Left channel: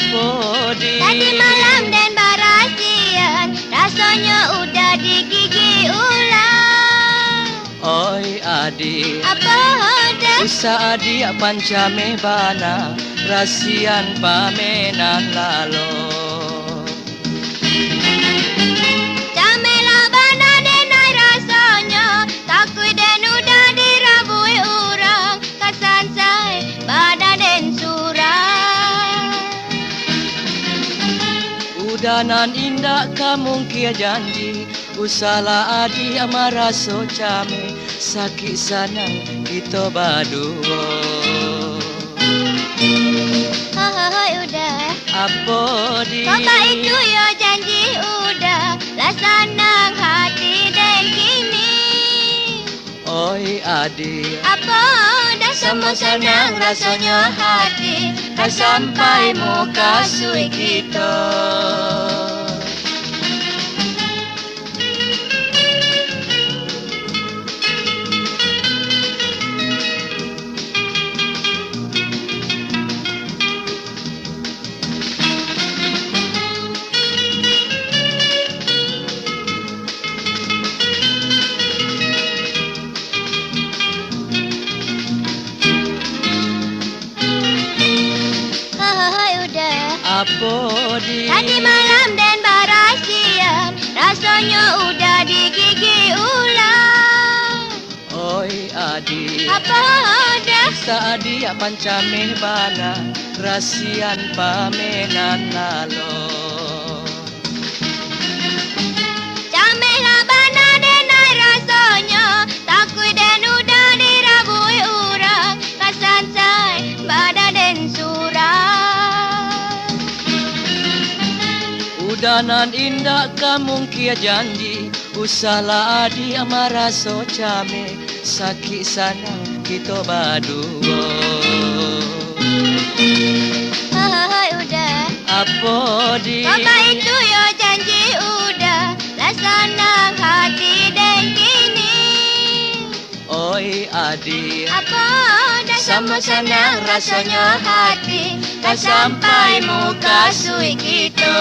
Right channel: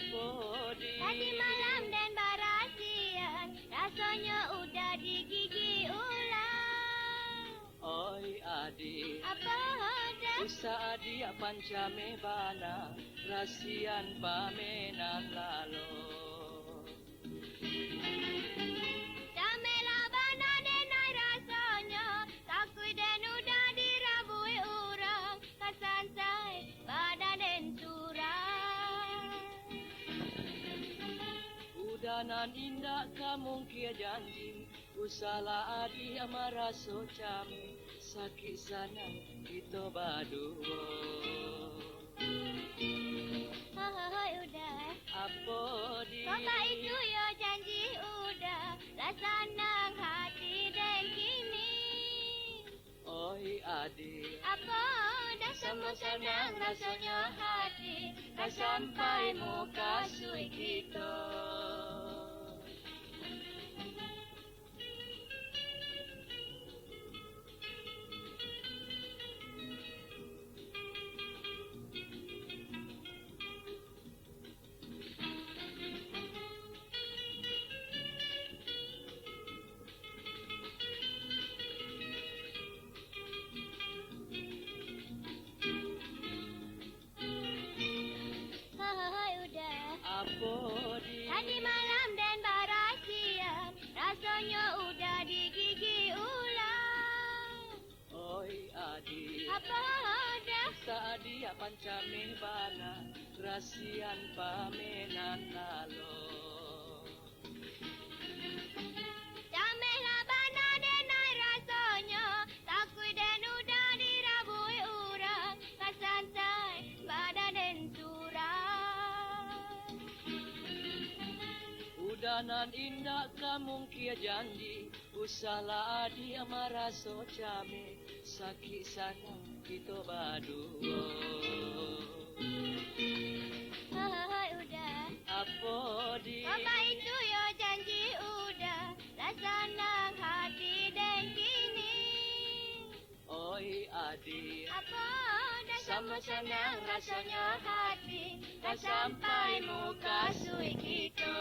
Apa di? Tadi malam dan barasian, rasanya udah digigit ular. Oi adik, Apa dah? usaha dia pancame bana, rasian pamenan lalo. Camelah bana denai rasanya, takut dan udah dirabui orang, kasan saya bana den surang. Udanan indah kamu kia janji, usala adi amara so came, sakit sanang kita berdua. Hai udah. Apa di? Kata itu ya janji udah, laksana hati dan kini. Oi adik, Apa dah sama senang rasanya hati, kan sampai muka sui kita. Hai udah. apa di? Tadi malam dan barasian, rasanya udah digigit ular. Oi adik, Apa dah? saat dia pancame bana, rasian pamenan lalo. Camelah bana denai rasanya, takut dan udah dirabui orang, kasan saya bada den surang. Udanan indah kamu kia janji, usala adi amara so came, sakit sanang kita berdua. Hai udah. Apa di? Kata itu ya janji udah, laksana hati dan kini. Oi adik, Apa dah sama senang rasanya hati, kan sampai muka sui kita.